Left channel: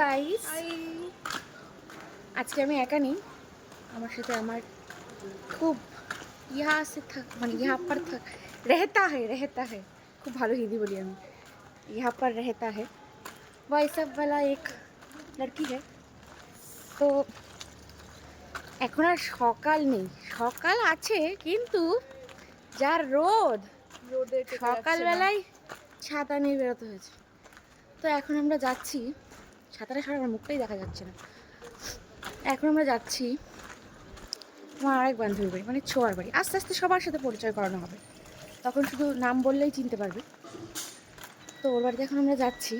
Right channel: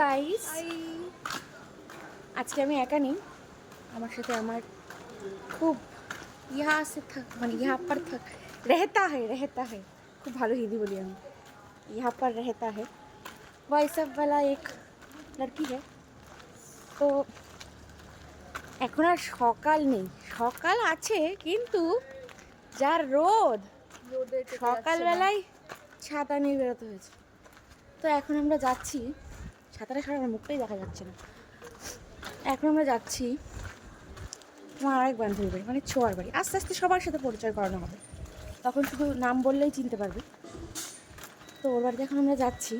Guys, আজকে আমি একা নেই, আমার সাথে আমার খুব यहाँ से था মানে यहाँ पर था रहता है খুব ভালো হিন্দি বলি আমি। यहाँ पर रहता है वही सब वाला एक लड़की है। তো এখন আর সকাল নেই, সকাল আছে কিন্তু যার রোদ, সকালবেলায় ছাতা নিয়ে বেরোতে হয়েছে। তো এখন আমরা যাচ্ছি, ছাতাটা সরা আমার মুখটাই দেখা যাচ্ছে না। এখন আমরা যাচ্ছি আমার আরেক বান্ধবীর বাড়ি, মানে ছোঁয়ার বাড়ি। আস্তে আস্তে সবার সাথে পরিচয় করানো হবে, তখন শুধু নাম বললেই চিনতে পারবে। তো ওর বাড়িতে এখন আমরা যাচ্ছি।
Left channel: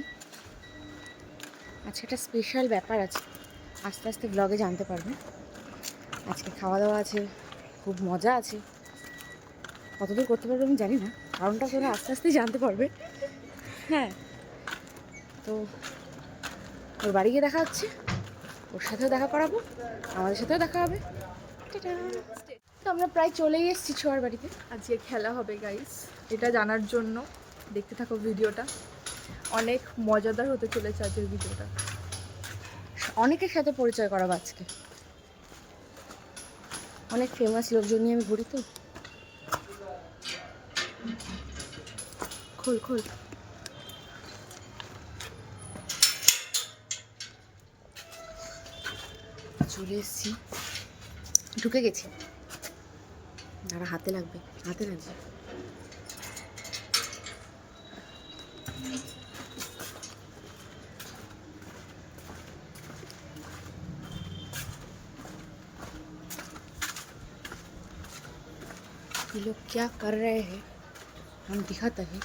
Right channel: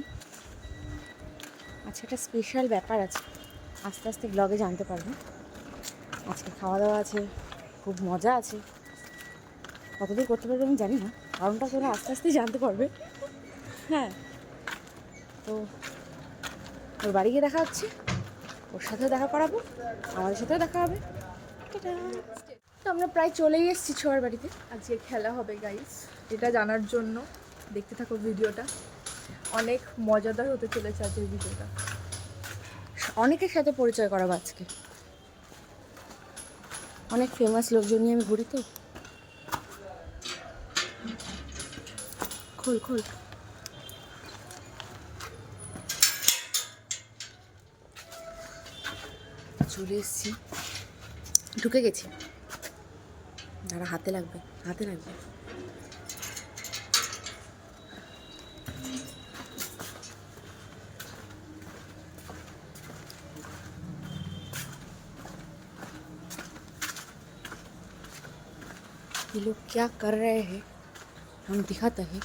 আজকে একটা স্পেশাল ব্যাপার আছে, আস্তে আস্তে ব্লগে জানতে পারবে। আজকে খাওয়া দাওয়া আছে, খুব মজা আছে। কতদূর করতে পারবে আমি জানি না, কারণটা তোরা আস্তে আস্তেই জানতে পারবে। হ্যাঁ, তো ওর বাড়ি গিয়ে দেখা হচ্ছে, ওর সাথেও দেখা করাবো, আমাদের সাথেও দেখা হবে। তো আমরা প্রায় চলেই এসেছি ছোঁয়ার বাড়িতে। আজকে খেলা হবে গাইস, এটা জানার জন্য দেখতে থাকো ভিডিওটা। অনেক মজাদার হতে চলেছে আজকের ভিডিওটা। অনেকের সাথে পরিচয় করাবো আজকে, অনেক ফেমাস লোকজন নিয়ে আমি ঘুরি। তো খোল খোল। চলে এসেছি, ঢুকে গেছি। দাঁড়া, হাতে লাগবে, হাতে লাগবে। ये लोग क्या कर रहे हैं हम दिखाते हैं।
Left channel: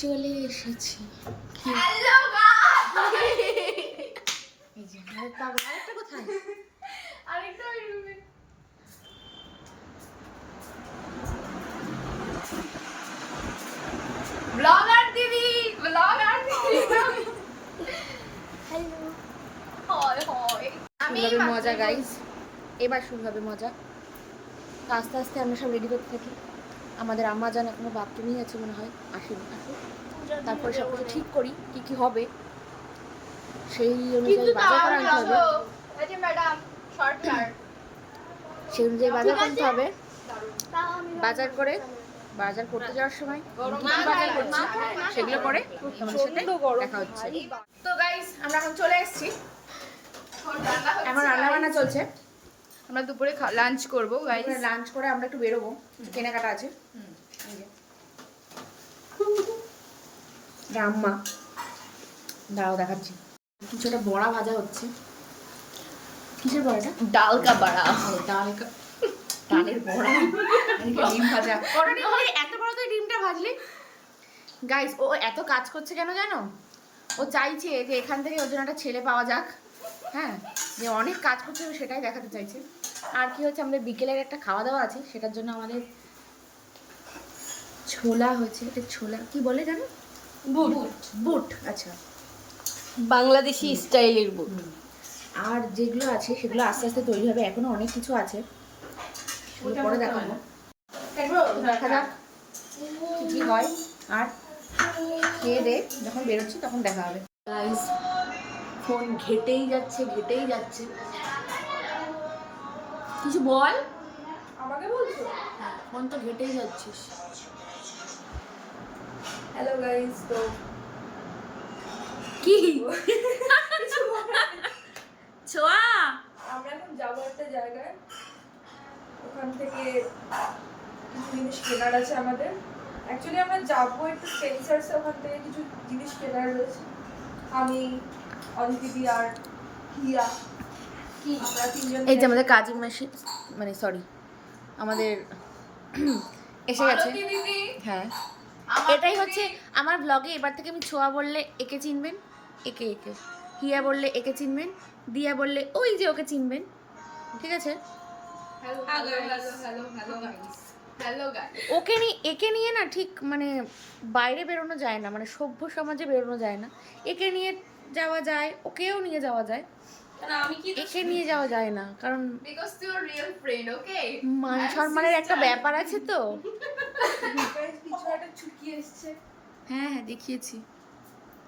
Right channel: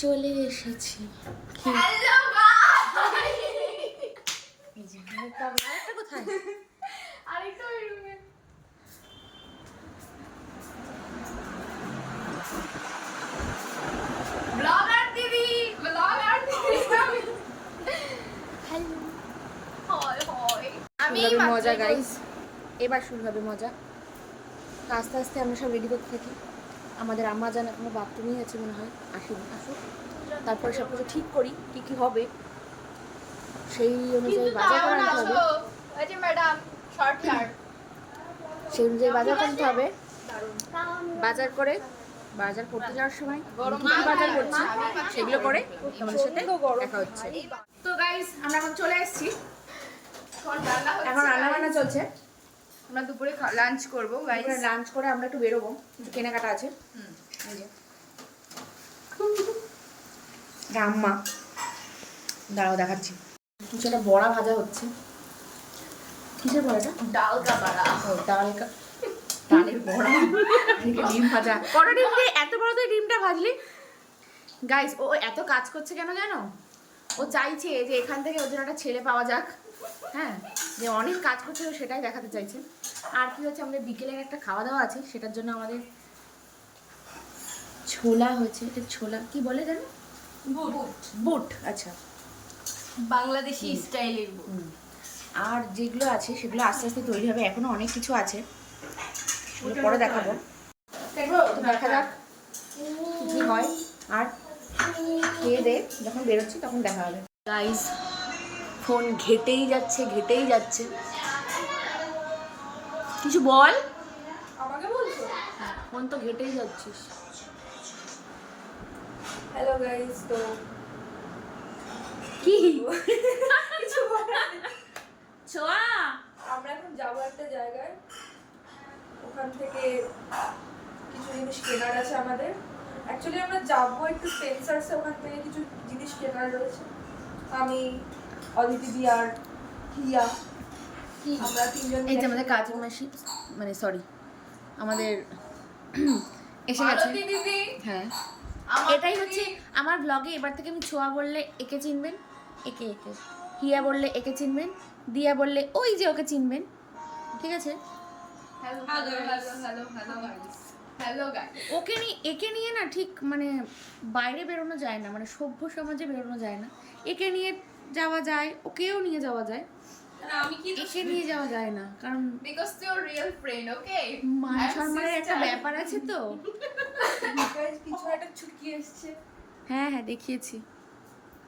চলে এসেছি। আরেকটা কোথায়? ব্লগার দিদি, ব্লগার দিদি। হ্যালো। হয় হয়। শুরু হবে মজা গাইস, এবার শুরু হবে মজা। তো আস্তে আস্তে আমরা সব রেডি করতে থাকি। আমাদের আম্মা জান এখনো বাথরুমেই আছে মনে হয়, আসেনি, আসুক। তারপরে সব কিছু ঠিক করি কী কী হবে, সেই অনুযায়ী বাজার করে আনতে হবে। সেই অনুযায়ী বাজার করতে হবে। বাজার করতে যাওয়ার সময় কী কী বাজার করছি সেগুলো করে তোমাদের সাথে দেখা হচ্ছে। তো গাইস, আমরা এখন চলে এসেছি, এখন রান্নাবান্না চলছে। আমরা দুপুরে লাঞ্চ করবো গাইস। লাঞ্চ করে আমরা একটু বেরোবো, কেনাকাটা আছে। আম্মা দাঁড়াও দেখাচ্ছি, কিছু একটা বড়া ভাজা হচ্ছে। কিসের বড়াটা? ডাল কা বড়া। ও ডালের বড়া, ডিম ভাজা। কটা ডিম ভাজলি? এত বড় তো ডিমটা ভাজলি? গাইস, ও এত কাজ করছে কেন জানো? ও চাইছে যে এখান থেকে ওর জন্য একটা ছেলে পাওয়া যাক। হ্যাঁ, যে অনেক কাজ করছে ও সেটাই দেখাতে চাইছে। আর কি হচ্ছে, আমাদের বিকেলের একটা খাওয়া দাওয়া আছে, সেটার জন্য আমাদের ছোলা হয়েছে। এটা ছোলা কি বলে জানো? বুট। আচ্ছা, বাংলাদেশি স্টাইলের বুট। আর যেগুলো আছে সেগুলো আস্তে আস্তে তৈরি হবে, এখনো অনেক কিছু আছে, সেগুলো পরে দেখাবো। দেখা যাক কি হয়। আর খেয়ে দে যখন বেরোচ্ছি তখন দেখা হবে। গাইস, ফোন ঘেটেই যাচ্ছে। কিছু বল। আমাকে বলছো? হ্যাঁ, ফোন তো ঘেটেই যাচ্ছিস। হ্যালো গাইস, তো কি ছোয়া, আমরা এখন যাবো একটা জায়গায়, ওখান থেকে কিছু জিনিস কেনার আছে আমাদের। অ্যাকচুয়ালি আমরা যাবো একটু স্পেন্সার্সে, ওখান থেকে কিছু জিনিস কেনার রয়েছে। আমি, অদিতি আর হিয়া, আমরা তিনজন। এই যে আমাদের কাজিন মাসি, মানে সরি, আমাদের এসে গেছে। হ্যাঁ, এটাই হচ্ছে আমার ব্লগে। এবার থেকে আমি ছোঁয়া বললে একে চিনবেন, একে হিয়া বললে একে চিনবেন, দিয়া বললে ওই যে ওকে চিনবেন, ঠিক আছে? ওকে নিয়ে একে নিয়ে না ঠিক মানে বাইরে বেরোনো যায় না, মানে সভ্য সমাজে বেরোনো যায় না। একে নিয়ে যাওয়া যায়, ওকেও নিয়ে যাওয়া যায়, আমি কি এসে নিয়ে যাওয়া যায় না, কারণ বিকজ ইউ রিয়েল ফ্রেন্ড, ওকে? মান সম্মানের একটা ব্যাপার আছে তো। কিছু একটা ছুটকি এসছে। হ্যাঁ হ্যাঁ দেখিয়েছি,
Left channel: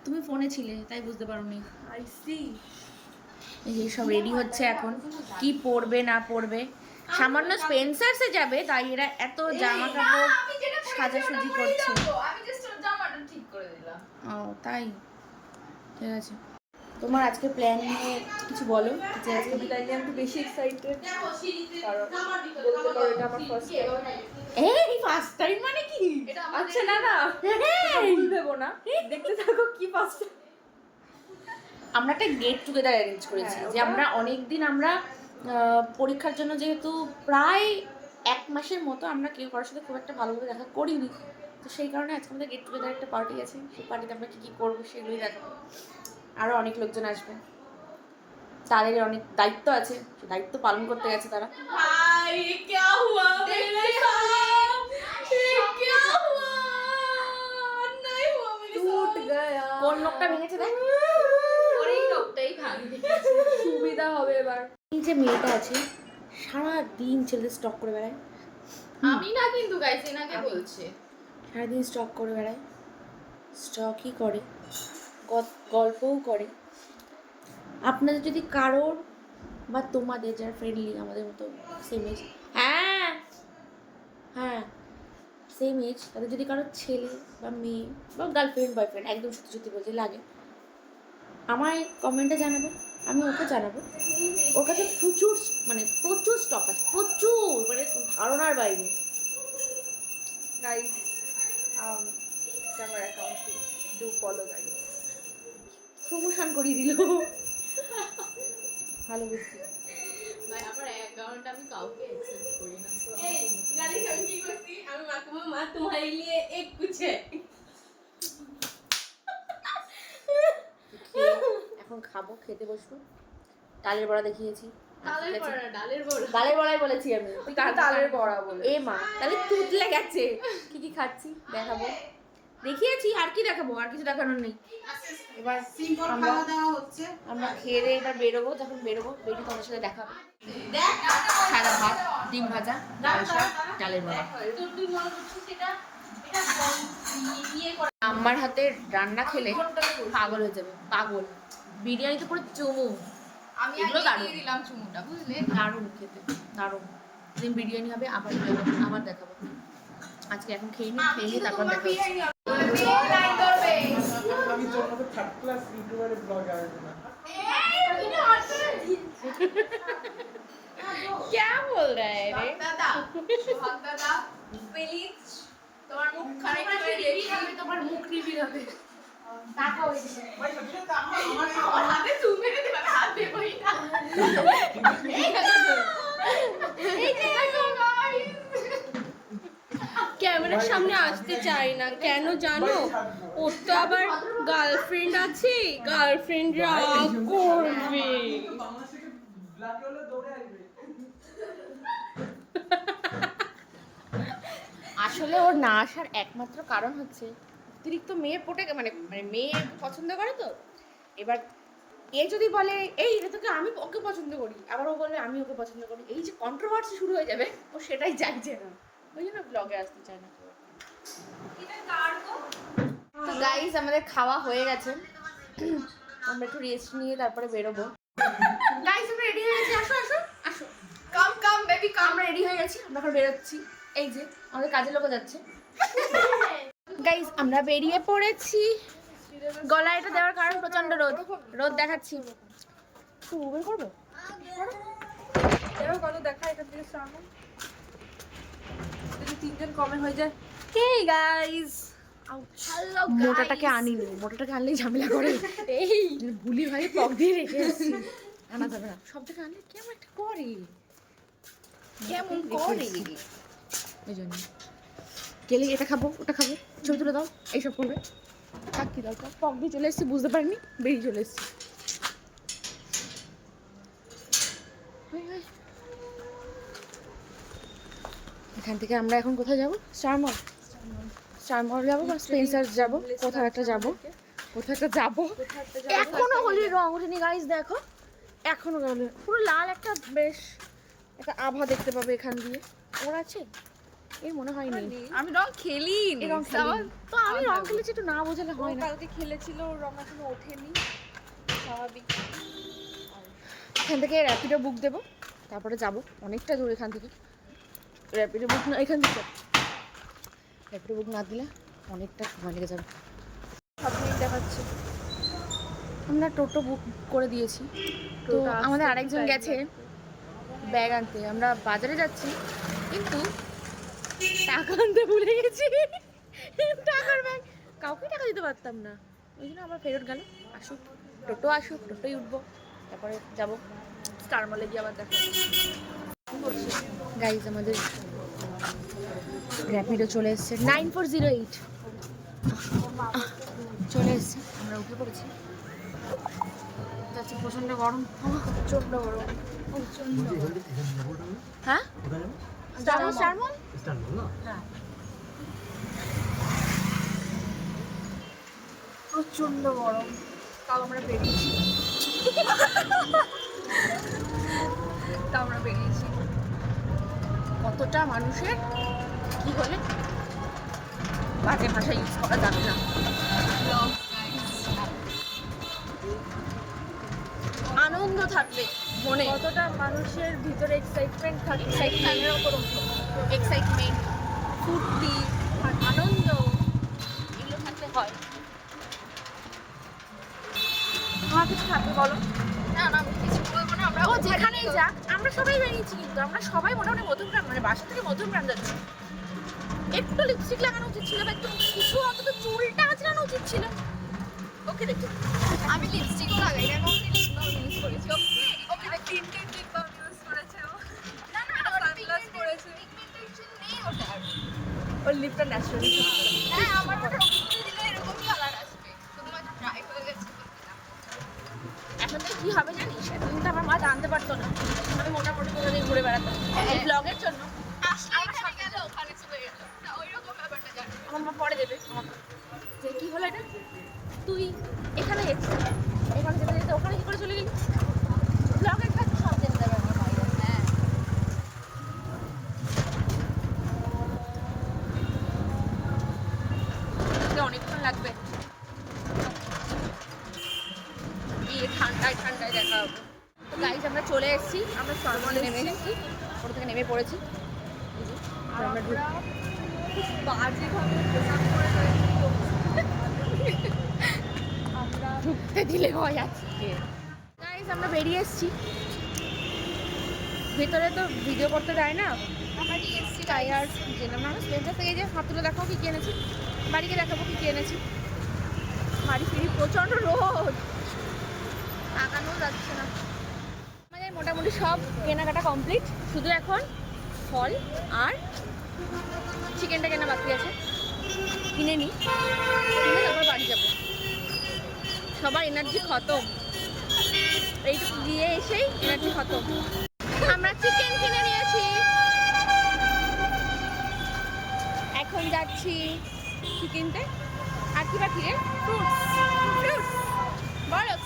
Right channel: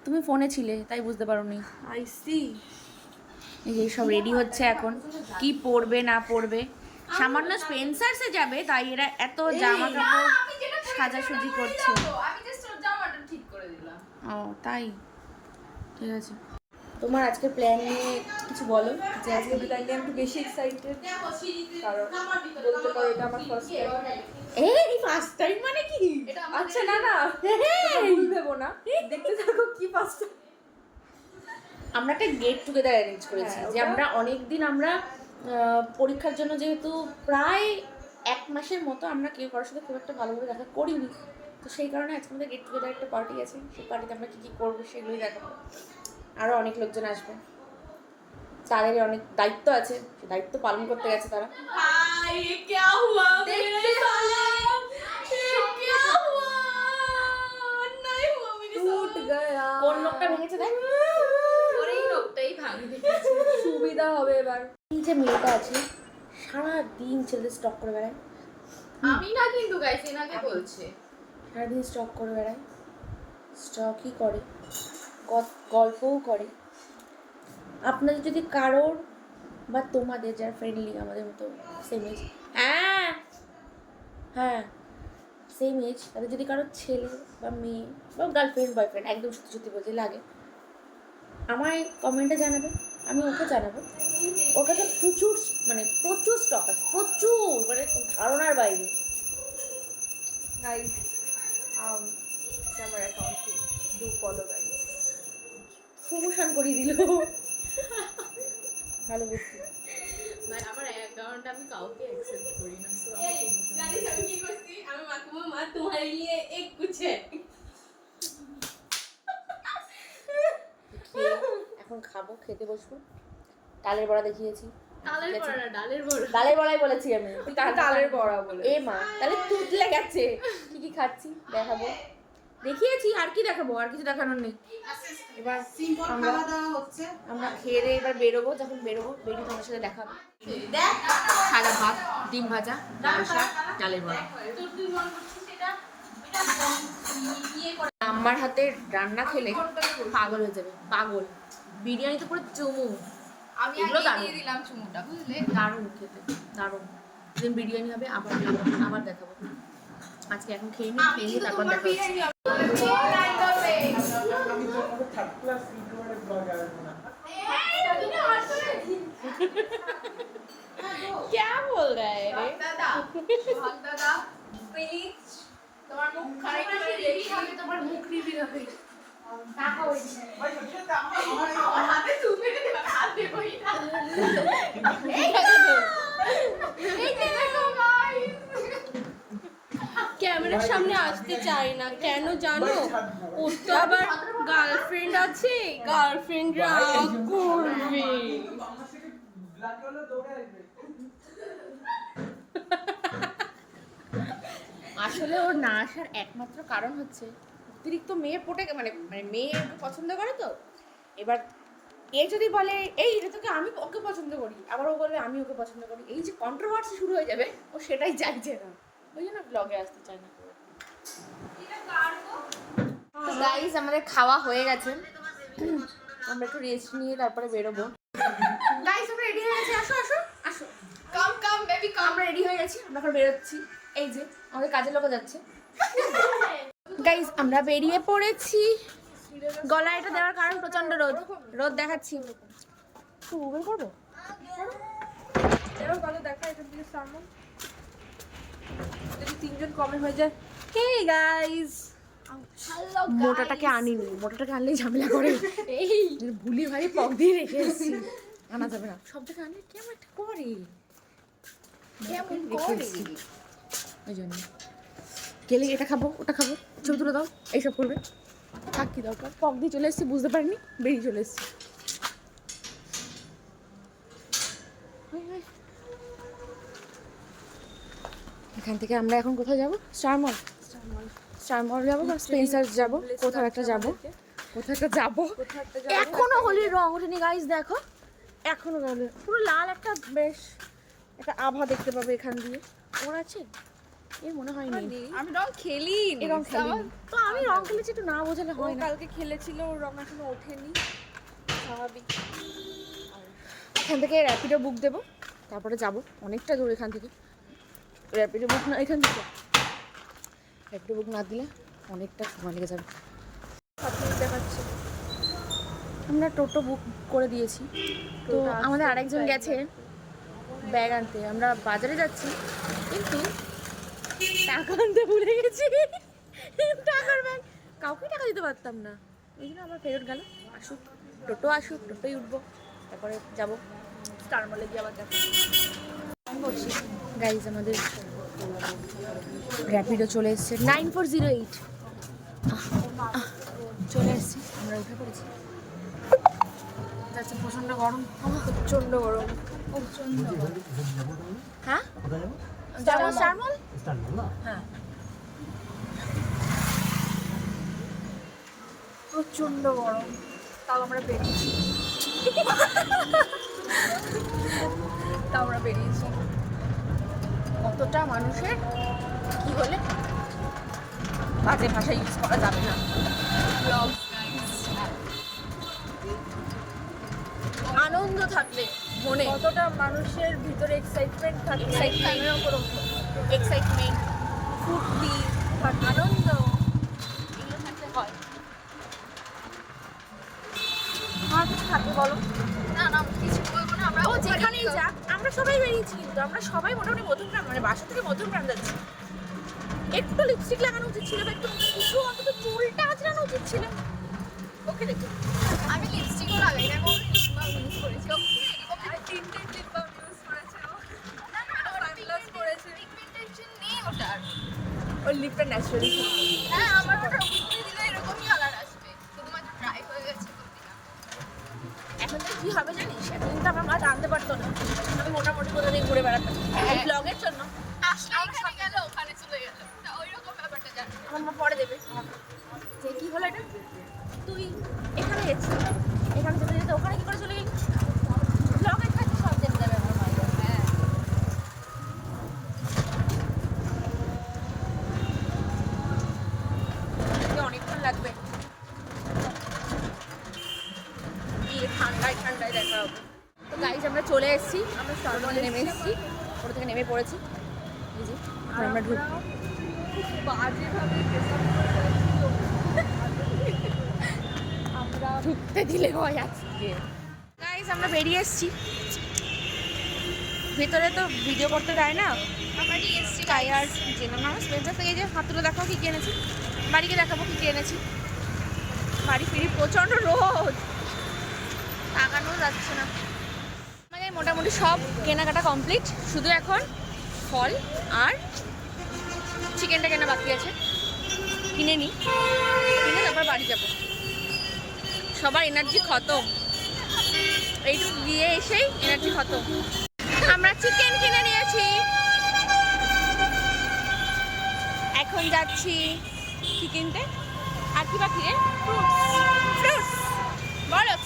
তুমি ফোনে ছিলে তাই বুঝতে পারোনি। I see. এই যে সব রেডি হচ্ছে এখন, কি পরবে না পরবে। সামান্য স্পেন্সার্সে যাবে তাই এরা এত জামা কাপড় সাজাসুজি করছে। আমি জাস্ট জামাটা ঠিক করে দিলাম। ও তাই, ঠিক আছে। তোমার আজকে প্ল্যান নিয়ে কিছু বলো, যে আজকে আজকে বিদায় নিয়ে আমি একটু বেশি এক্সাইটেড, কারণ বলতে পারো এটা আমার ফার্স্ট টাইম। এই ফার্স্ট টাইম মানে কি? আচ্ছা না না, তোমরা ভুল ভেবো না, দেখতে থাকো কি ফার্স্ট। আমরা একটা গেট টুগেদার অ্যারেঞ্জ করেছি, হ্যাঁ, যে ওটা- আমরা অনেক দিন আমরা পরীক্ষার জন্য যেহেতু প্রায় 1 মাসের মতো আমরা কেউ কারোর সাথে খুব একটা ভালোভাবে দেখা করিনি, তো সেই কারণে আজকে আমাদের গেট টুগেদার একটা পার্টি আছে। সেই পার্টিতে আমরা কী কী করবো সেগুলোই দেখাবো। আরও অনেক লোকজন আসবে, তাদের অনেক দায়িত্ব আছে, দায়িত্ব পালন করতে গেছে তারা। ভাই क्या हुआ मेरे साथ, ये क्या हुआ? नहीं हुआ मेरे টুট साथ। গয়া। কোন লোকটা ভেঙেছে দেখ, ওর এই লোকটাই ভাঙি দেখেছি। সুবিধা হবে এবার। এই যে মেয়েটা আছে সারাদিন ছেলেদের স্টক করে বেড়ায়, আমি না কিন্তু গাইস এনাকে বলছে। সারাদিন স্টক করে বেড়ায়, স্টকই করে, গল্পও করে। আপনাদের যদি কারোর বা তোমাদের যারা ফ্রেন্ডলি আমাদের মতো সেম এজ, হ্যাঁ হ্যাঁ সেম এজ, তাদের যদি কারোর ছেলে বা মেয়ে বা গার্লফ্রেন্ড বয়ফ্রেন্ড একদম সত্যি সত্যি বলতে লাগে, আমায় কমেন্টে জানাবে, আমি ওকে জানাবো। ওর কাছে প্রচুর প্রচুর স্টক আছে, প্রচুর, মানে ধারণার বাইরে। গাইস আমার account do follow guys. Promotion করিয়ে দিল, ভালো বুঝছি। ভাই আমার অ্যাকাউন্ট আমি কাউকে অ্যাকসেপ্ট করি না। এই জানিস আমি কি করছি? আমি মাকে বললাম, মা তোমার लिए एक कुछ है। এখন খাবো, খেতে বসবো। ডালের বড়া দেখিয়েছি, ডালের বড়া, ডালের বড়া। ডালের বড়াই বলেছি আমি, তুই ডালের বড়া বলে। এ মা তাহলে তুতলে গেছে। কি কি খাচ্ছি দেখাবো, দেখিয়েছি, আর কি দেখাবো, আর কিছু দেখানোর নেই। এবার আমরা আমরা খেয়ে দিয়ে এবার বেরোবো, যখন বেরোবো বেরিয়ে তোমার সাথে দেখাবো। সাদা ভাত, ডিম ভাজা, লাল শাক, ডালের বড়া। আমার হাতে রান্না খেলে পাগল হয়ে যাবে, পাগল। বিরিয়ানি তো পুরো চুমু, আমি এগুলো আগে দারুণ। দিয়ে দিলাম চুমুটা, বুঝলে? দারুণ খেতে, দারুণ। যেদিন বিরিয়ানি হবে আবার যাবো, আবার দেখাবো। আজকে এখন খেয়ে নিই, খেয়ে নিই তারপর দেখা হচ্ছে। क्या बोल रहा है रे? দাদা প্লিজ তোমার মুখ খারাপ করে রিভিল হবে, তোমার মুখ রিভিল হবে। তাকাও এদিকে। আমার হাতে তুমি মেরে দেবে, আমি হাত দেবই না। এই দেখো, এই দেখো গাইস, ক্যামেরার সামনে আসতে চাই না কেন জানো? ওর তো আবার গার্লফ্রেন্ড আছে, গার্লফ্রেন্ড রাগ করবে। আসলে ওর না আসার একমাত্র কারণ হচ্ছে অতিরিক্ত মেয়ে পটে, মানে মানে মেয়ে পছন্দ করে তো। এবার এ যদি বলে এই এটা তোকে আমি ওকে পছন্দ করি, আবার ও বলবে আমি ওকে পছন্দ করি, এই যে কন্ট্রোভার্সি শুরু হয়ে যাবে, ও সেটাই চাইছে না, ওই জন্য ব্লগে আসতে চাই না। তো গাইস আমাদের খাওয়া হয়ে গেছে, আমরা একটু রেস্ট নিয়ে তারপরে বেরোবো। গাইস আমরা রেডি হয়ে গেছি, আসো আসো আসো। কাম কাম বেবি কাম। আমরা রেডি হয়ে গেছি, আমরা এখন বেরোচ্ছি। এই যে আমাদের কাজের লোক যাচ্ছে। গাইস আমরা বেরিয়ে পড়েছি। গলায় এটা দেওয়ার কারণ প্রচন্ড রোদ, রোদ দেখাচ্ছি। একটু বের করবো, এবার বলো দেখা এখান থেকে সামনে যদি 3 জন কমে হয়ে যায়। হেই গাইস, মোটাটাকে আনিনি, মোটাটাকে আনলেই ঝামেলা করে। এই ভুলি ভাই পক দিয়ে রেখে এসেছি, আনা যাবে না। সব থেকে আনলে কেমন একটা করে, কেমন রেখে করে? এসেছি। ওই জন্য গেলে এটা খাবো ওটা খাবো, ছবি তুলে দাও, এইসব করবে। থাক কি দরকার, পক দিয়ে চলে এসেছি, বুঝতে পারিনি, বেরিয়ে চলে এসেছি। এখান থেকে আমরা এখন কোথায় যাবো? স্টার মল, স্টার মল যাবো বা স্পেন্সার্স যাবো, কোথাও একটা যাবো, কোথাও একটা যাবো। এখনো হোলির রং ওঠেনি গাইস, দেখো এখনো গেল পুরো লাল একটা বেশ একটা আভা দেখতে পাবে এখান দিয়ে। ওর আছে এই মনে হয় নেই। আমি রং খেলি এই রং খেলিনি। তো আমি রং খেলেছি, একটু না বোঝালে হয় না। কালকে খেলেছিল, ওর রং এখনো ওঠেনি, স্বাভাবিক। এখান থেকে র্যাপিডো বুক দেবো, তারপরে যাব। অনেকটা দূর এখান থেকে। র্যাপিডো বুক না, এখান থেকে র্যাপিডো বুক না দিলে অনেকটা সময় লেগে যাবে। সব মিনিট দেখাচ্ছে। আমরা টোটো বুক করে দিয়েছি। তো আমাদের আরেকজন গেছে ব্যাগ আনতে। আমরা বাজারে যাচ্ছি, কিন্তু টাকা আনতে ভুলে গেছি। টাকার ব্যাগ কাউকে টাকা দিতে পারতাম না, ওই জন্য আবার ফেরত গেল। আসুক টোটো, আসুক, টোটোই উঠবো, তারপরে যাবো স্টার মলে গিয়ে আবার দেখা। গাইজ আমাদের র্যাপিডো চলে এসছে 9408 চলে এসছে। আমরা উঠে পড়েছি, যাচ্ছে। প্রচণ্ড গরম, প্রচন্ড গরম। হ্যাঁ স্টারমল হ্যাঁ। প্রচন্ড গরম, তাও আমরা বেরিয়েছি। কতটা মানুষের কি হলে বাজে ভাষা ইউজ করা যাবে না। আনন্দ থাকবে মনে, কতটা মানুষের ভিতরে এক্সাইটমেন্ট থাকে, এক্সাইটমেন্ট, ফুর্তি, আনন্দ, এগুলো থাকতে হয়। কিছু থাকবে বলো? না না কিছু বলবো না, আমরা ও যেখানেই যাক, আমরা সবাই বেরিয়েছি, কিন্তু আমরা সবাই মোটামুটি মধ্যমগ্রাম, মানে বাসা থেকে মধ্যমগ্রাম যাচ্ছি। একটু লিপস্টিক লাগানো উচিত ছিল, বা একটু কিছু অন্তত চুলটা আঁচড়ানো উচিত ছিল। ওকে দেখো, আমি লিপস্টিকও লাগাই না, এবং লিপ বাম ইউজ করেছি। টিন্টেড লিপ বাম ইউজ করেছে ও। না না সানগ্লাস পরেছে। পিগমেন্টেশন নেই ওটার। ওর লিপটা ন্যাচারালি। হ্যাঁ আমার ওটা উপরে দিলে এরকমই কালার আসবে, শুধুমাত্র ড্রাই হয়ে গেছে বলতে না। এখন তো কি হবে জানিস, এখন কিন্তু আমার মা জানতে পারতো না আমি মোটামুটি কোথা দিয়ে ঘুরে বেড়াতাম এই ব্লগের জন্য। আমরা গেলে ওখানে চলে গেলে ওইরকম ব্যাপারটা জানি। আমার মা পরে দেবে আমাকে, যে কি হলো এটা, তুই এখানে গেছিস, এখানে যেতে যেতে ওখানে কি করে চলে গেলি। ব্লগের কাছে সব জেনে দেবে আমার মায়েরা। হ্যাঁ অনেকক্ষণ লাগবে, এই ঠান্ডায় ঠান্ডায় দেখা হবে। তো গাইজ আমরা চলে এসেছি, আমরা সর্বনে নেমে এসেছি, ওটা থেকে নেমে পড়েছি। এই যে, আর আমরা ঢুকতে দিলে হয় আজকে। গাইজ আমরা বেরিয়ে এসেছি, ভেতরে তো ভিডিও করতে দেয় না, আমারই এসছি তাই আর জেলাম না। স্পেন্সার থেকে যে হাত তুলে দেখাও কি কি এনেছি, বাড়িকে দেখাবো কি কি এনেছি। বাড়ি ফিরি প্রচণ্ড রোদ, তাকানো যাচ্ছে না। আমাদের মোটামুটি সব কেনাকাটা কমপ্লিট, শুধু এখন ফল আর চিকেনটা কেনা বাকি আছে। কিনে নিই, কিনে তারপর বাড়ি যাব। সবার এনার্জি খতম, এইটুকু গিয়ে এসেই এনার্জি খতম। আমরা চিকেন কিনে নিয়েছি, এখন যাচ্ছি কি কিনতে। আর কি বাকি রে? ফ্রুটস, বরফ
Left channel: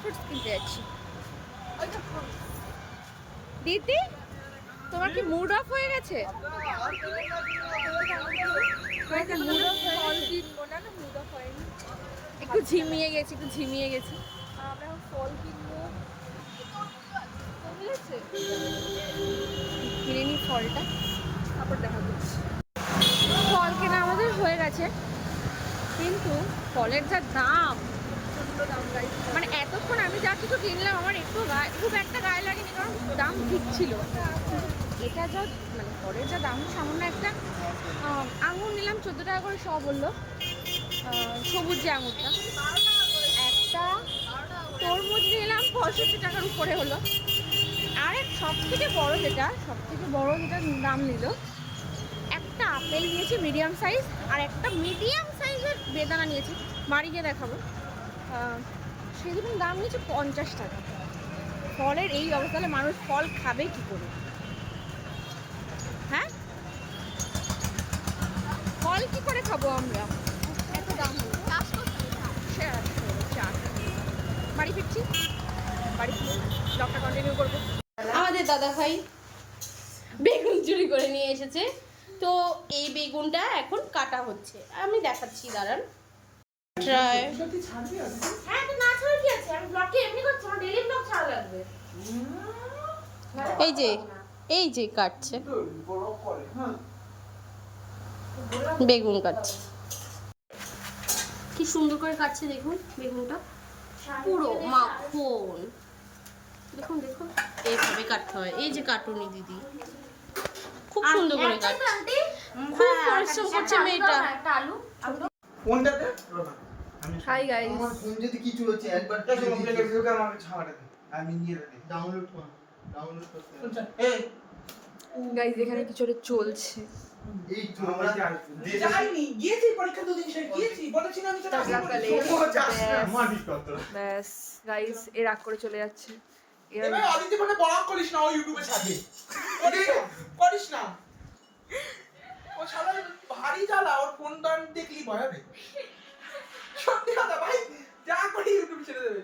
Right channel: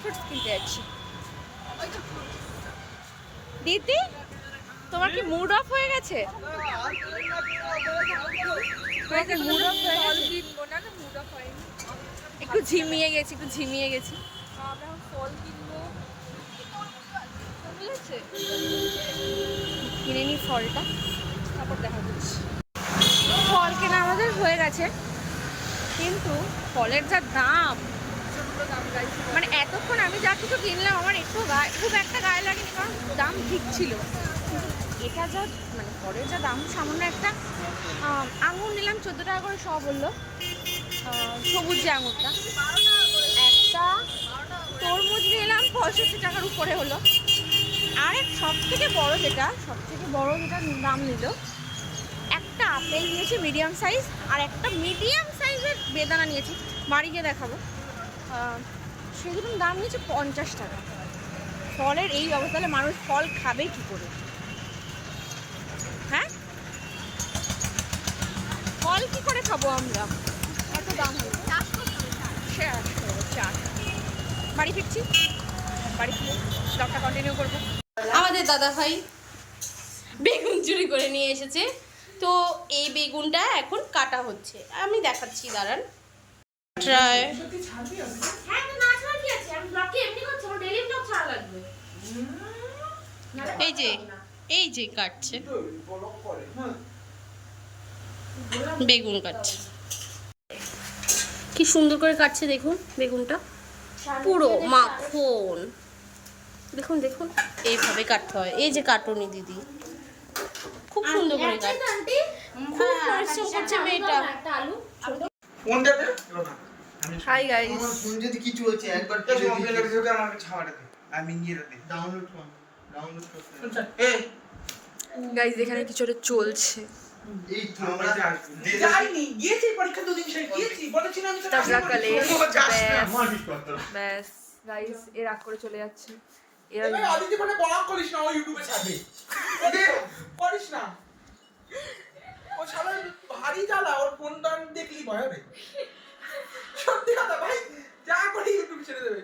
ফ্রুটস কিনতে যাচ্ছি। দিদি তোমার কি মুড অফ হয়ে গেছে? তোমার কি মুড অফ হয়ে ফল গেছে? কিনবো না, মুড অফ হয়নি। একটু ঝিমিয়ে গেছি, একটু ঝিমিয়ে গেছি। আমরা এখন ফল কিনবো, বুঝেছে? কিনে নিই ফলটা, তারপর দেখা যাচ্ছে। ফল কেনা আমাদের হয়ে গেছে, কিন্তু ফলের যা দাম, প্রচন্ড দাম গাইছে। মানে এতক্ষণ আমি যা কিছু কিনলাম আমার একটু খুব একটা গায়ে লাগেনি, কারণ দাম ঠিক ছিল। এটা যা মানে ফলের যা দাম, সামান্য একটা আঙুর নিলাম 14 টাকা করে, সব বললো সবুজ যে আঙুরটা, একটা তরমুজ নিলাম 65 টাকার উপরে হলো। আর এক সব থেকে বড় যেটা দাম নিল, একটা আপেল নিয়েছি মিডিয়াম সাইজ, আর একটা মিডিয়াম সাইজের বেদানা নিয়েছি, বাড়ি গিয়ে দেখাবো। সেই দুটোর দাম নিয়েছে 50 টাকা। ফলের এই অবস্থা হলে মানুষ ফল খাবে কি করে? হ্যাঁ, ফল কি করে খাবো আমরা, এত দাম হলো। চাষ করতে হবে। চাষ বাড়ি ফিরছি, বাড়ি গিয়ে ব্লগটা কন্টিনিউ করবো। আমাদের দাদা ভাই বেগুন চুরি করে নিয়ে এসেছে, তো এই বেগুনটা এখন কাটা হচ্ছে। আমি দেখাচ্ছি, দাঁড়ান। ট্রাই। হ্যাঁ তো না ছাড়া কি আছে, আমি ব্লগে এমনি করছি, আমার ডেইলি ব্লগ ছাড়া লাগবে। এই যে কাটছে, বেগুন কাটছে, কি সুন্দর করে কাটছে দেখুন বেগুনটা, পুরো মাখন। দেখুন দেখুন, এইভাবে কাটতে হয়। এই যে কাটুনি দিদি, খুব সুন্দর করে কাটছে, খুব পরিশ্রম করছে মেয়েটা। একটা আলু কোনটাতে? হাই গাইস, আমার ফোন যদি কিছু হচ্ছে একবার কিছু কমপ্লেন ভিডিওকে আমাকে ছাড়াতে দে, আমি নিয়ে রেখে ডাউনলোড করতে এই গাইস এখানে কিছু একটা চলছে। এই তো আমরা যাইনি, গিয়েছি পরীক্ষা দুদিন শেষ গিয়েছি, বলেছিলাম আমি তো তাবলা কালে আমার বিশ্বাস ব্যাস গাইস এ রাগ করে চলে যাচ্ছে। এবার আদিত্য মানে বলাম করিস না, ও ইউটিউবে ছাড়বে করিস না, ও শালা ভারী জ্বালা, ওর ফোনটা দেখলি ভয় হবে। সত্যি কথা ভাই, যা করে ইউটিউব ছেড়ে দেবে।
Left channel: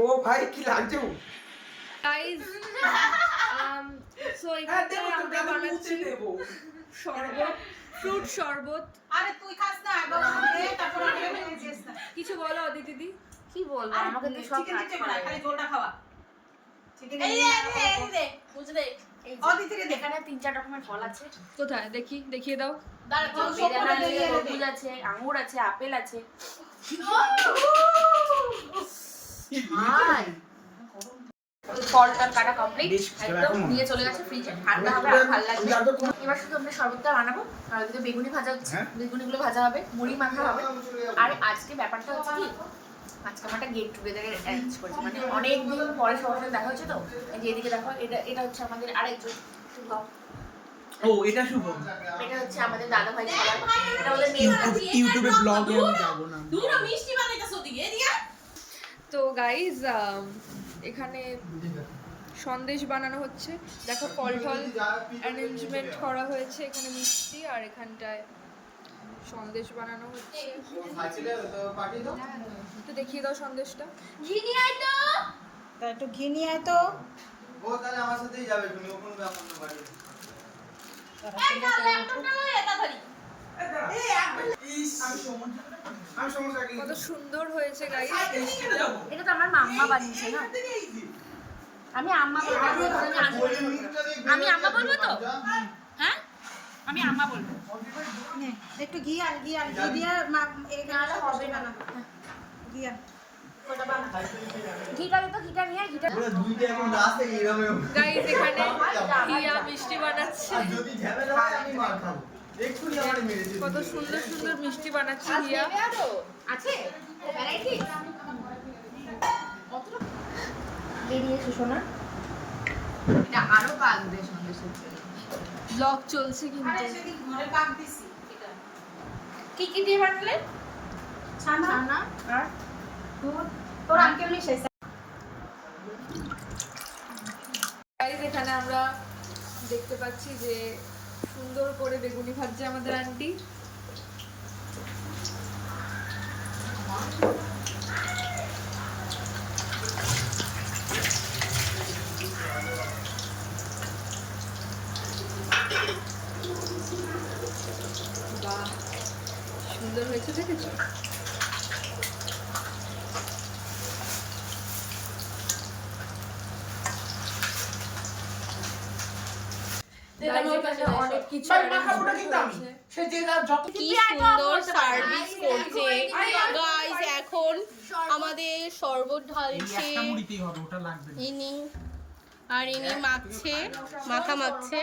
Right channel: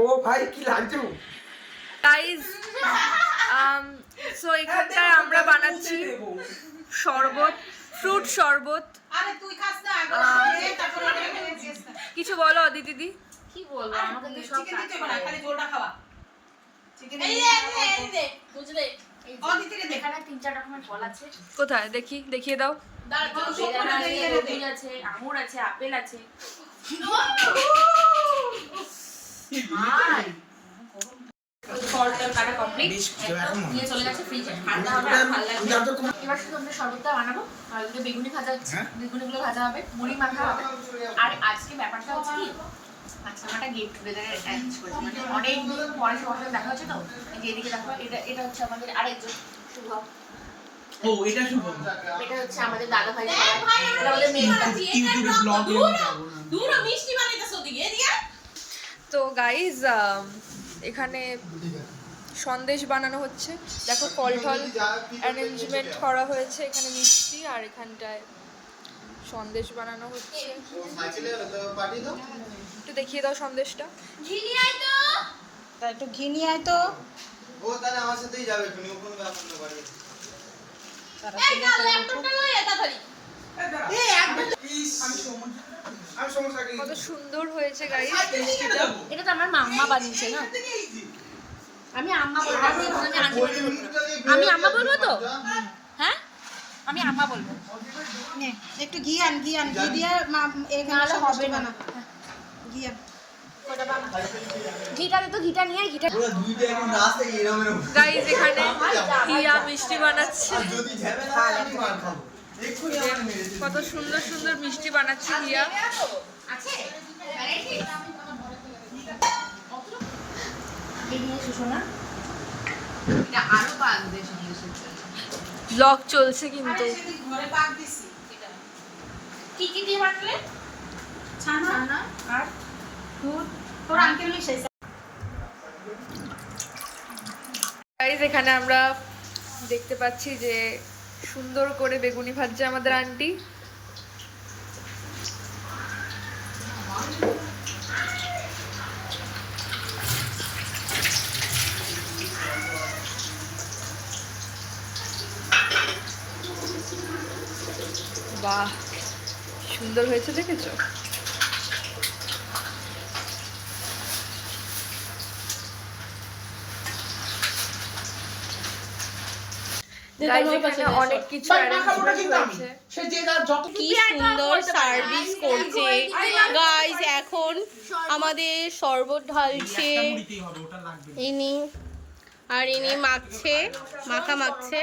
ও ভাই কি লাগছে গাইস সো এখানটায় আমরা বানাচ্ছি শরবত, ফ্রুট শরবত। আরে তুই খাস না, তারপর কিছু বলো অদিতি দিদি। কি বলবো, আমাকে তো সব চিকেন কাজ দিতে করে। বলা, খালি জলটা খাওয়া। চিকেন এই রে বুঝলে, ও দিতে দে। এখানে 3-4 রকমের ফল আছে। কোথায় দেখি, দেখিয়ে দাও। দাঁড়া তো সব বেদানা করে আছে, দিয়ে দে। তরমুজ আছে, আঙ্গুর আছে, আপেল আছে। ফল টল কাটা কমপ্লিট, একদম নিয়ে চলে গেছে ফ্রিজে, ঠান্ডা হবে আর ভালো লাগবে। এবার শুধু আমরা শরবতটা বানাবো, আর ওদিকে বেগুনি ভাজা হচ্ছে, বেগুনিগুলো ভাজা হবে, মুড়ি মাখা হবে। আর আজকে ব্যাপারটা হচ্ছে কি, আজকে আমরা একটা গেট টুগেদারের অ্যারেঞ্জ করেছি, মানে অনেকদিন পরে সবার সাথে দেখা হচ্ছে। তো এই যে এদিকে দেখো, এটা হচ্ছে আমাদের আরেকজন শুভ, ও এটা শুভ, এটা হচ্ছে আমাদের দাদা ভাই, এটা আমাদের মেয়েটা। ইউটিউবে ব্লগে আমি যাব না। দূর মিষ্টি বানাইতেছ ওদিকে এদিকে। তো গাইস এখানে সন্দেশ বানানো হচ্ছে। দেখো ফল টল অ্যারেঞ্জমেন্ট করা হয়েছে, এখানে মিষ্টি আর এখানটায় সন্দেশ বানানো হচ্ছে। একটু দেখিয়ে দাও সন্দেশটা। ঘি নিয়ে আয় তো। তা একটু ঘি নিয়ে আয় তো। ও তাহলে আমার সাথেই যাবে, তুমি কোন ব্যাপার না বাড়ি। তারা সুন্দর করে উঠো। আমি সমস্যা কি? কত সুন্দর হয়েছে গাইস মিষ্টিটা। এটা তো আমার মাম্মা বানিয়েছে না, আমি আম্মা বলবো, আমি আন্টি বলবো। আমি আম্মা বলবো তো, হ্যাঁ আমি আম্মা বলবো। নে, একটু ঘি আন ঘি দিয়ে এখানে সব হবে না। ঘি আন। ঘিটা দে তো, ঘিটা নিয়ে আয়, ঘিটা। ওরা দুইটা এখন লাস্টে এরকম গাইস এখানে হিয়া মিষ্টি বানাচ্ছে। যদি ঝামেলা হয় আমি মার খাবো। এক্ষুনি আমার মেরে দিবে। কত সুন্দর সুন্দর মিষ্টি বানাচ্ছে হিয়া। আছে ভ্যারাইটি এই নিয়ে সুষনা, এটা আরো পাক দিয়ে সন্দেশের জন্য। ব্লগ চলছে কিন্তু। ঘরে পাক দিছি এটা। কি কি দিয়ে বানালে? ছানা আর দুধ, তোর আঙ্কেল মিশাইছে। গাইস এখানে আমরা দেখতে পাচ্ছি যে সুন্দর করে বেগুনি ভাজছে আমাদের আন্টি। বাহ সুন্দর হয়েছে, দেখেছো? গাইস এখানে অনেক কিছু অ্যারেঞ্জমেন্ট হয়েছে। সে যে যত কি সুন্দর সার্ভিস করছে গাইস। এখন আমাদের শরবত ঢালছে ইনি, আর ইনি মাখছে, মাখছে।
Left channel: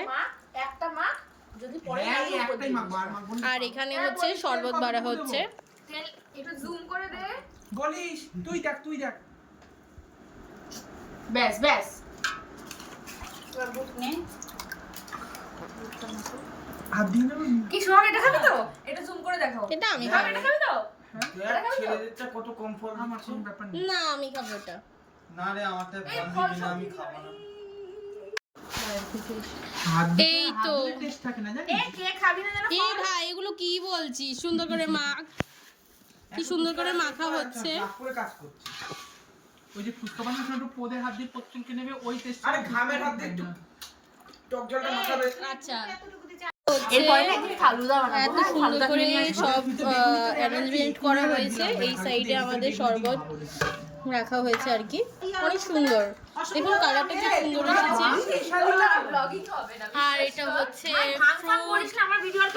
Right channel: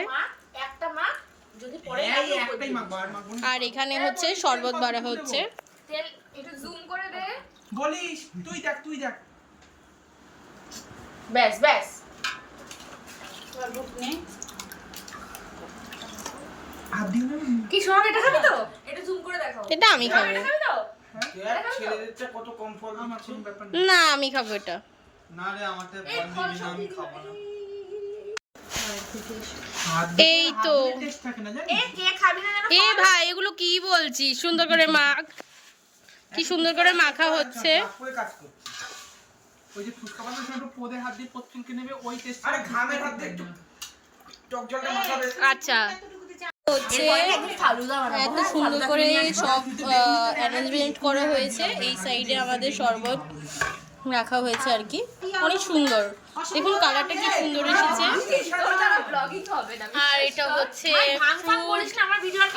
একটা মাখ, যদি পরে আর এখানে হচ্ছে শরবত বাড়া হচ্ছে। তেল একটু জুম করে দে। বলিস তুই দেখ ব্যাস ব্যাস, দুধ নে। হাত দিন না কি শোন, এটা খাবি তো? এটা জুম করে দেখো। এটা আমি খাবো এটা খাবি তো? ছেলেদেরটা কত কমফর্ট আছে ব্যাপার না, আমি খাবো এটা। না রে আমারটা বন্ধ দিন আমি খাবো না। এই তো টেস্ট থাকে না জানিস? এ কে খাবি না জানো? এ ভাই, এগুলো কি বলছিস? সুন্দর করে মাখ। কি সুন্দর করে মাখা হচ্ছে। করে কাজ করছি ওই যে ফুচকা বানানোর সময় একটু পোদের হাত দিয়ে পচনকে নেবে ওই টেস্ট আরে ঘামের হাত দিয়ে একটু টক জলটা মাখাবে আচ্ছা হচ্ছে এত সুন্দর করে সব অ্যারেঞ্জমেন্ট করা হয়েছে। এই সাইডে আমাদের শরবত রাখা হয়েছে আর কি, অনেক সুন্দর। দেখুন কালারটা কি সুন্দর এসেছে। আর এটা হচ্ছে fruit,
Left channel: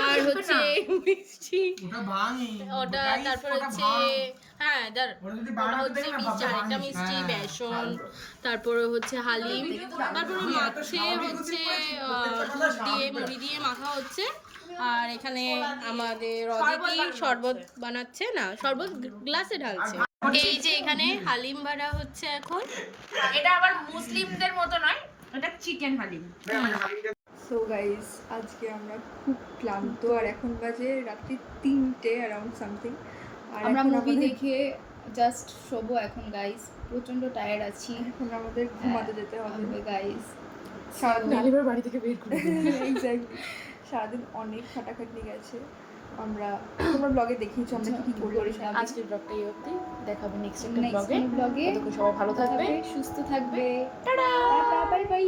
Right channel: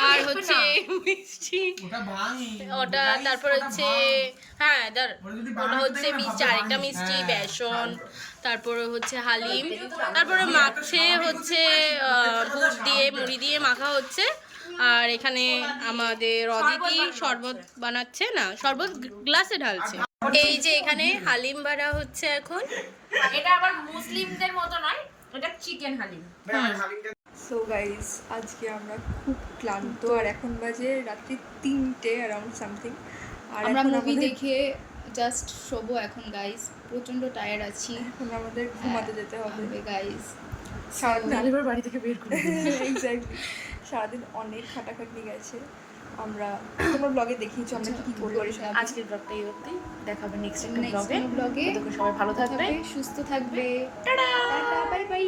আর হচ্ছে মিষ্টি ওটা ভাঙি ওটা, তারপর হচ্ছে হ্যাঁ ওটা হচ্ছে মিষ্টি, আরেকটা মিষ্টি বেসন, তারপরে হচ্ছে হালিম, তারপরে মাছে হচ্ছে দুধ দিয়ে মুড়ি দিয়ে মাখা হচ্ছে। আর এখানে আমাদের অদিতি শরবত বানাচ্ছে, না শরবত গ্লাসে ঢালছে। এই যে এখানে হালিম বাড়া হচ্ছে এখন। এটা আবার মুসলিমদের মতো নয়, এটা চিকেন হালিম। সো গাইস আজকে আমরা খুব ক্লান্ত, আর এখন বাজে রাত্রি 3টে অ্যারাউন্ড সামথিং। আর আমরা এখন মুভি আমাদের দেখে জাস্ট শোবো এখন গাইস, প্রচন্ড টায়ার্ড আছি এখন আমাদের ঘুমাতে যেতে হবে গাইস। সারাদিন আলিবার বাড়ি থেকে বের করে এক্স্যাক্টলি সারাদিন অনেক খাটাখাটনি গেছে। আমরা তোমার ব্লগে দেখিয়েছো আমরা কি করেছিলাম। আজকের ব্লগটা এই অবধি, দেখা হবে নেক্সট একটা নেক্সট ব্লগে। ব্লগে ততক্ষণ সবাই ভালো থাকবে, সুস্থ থাকবে। Tata bye bye.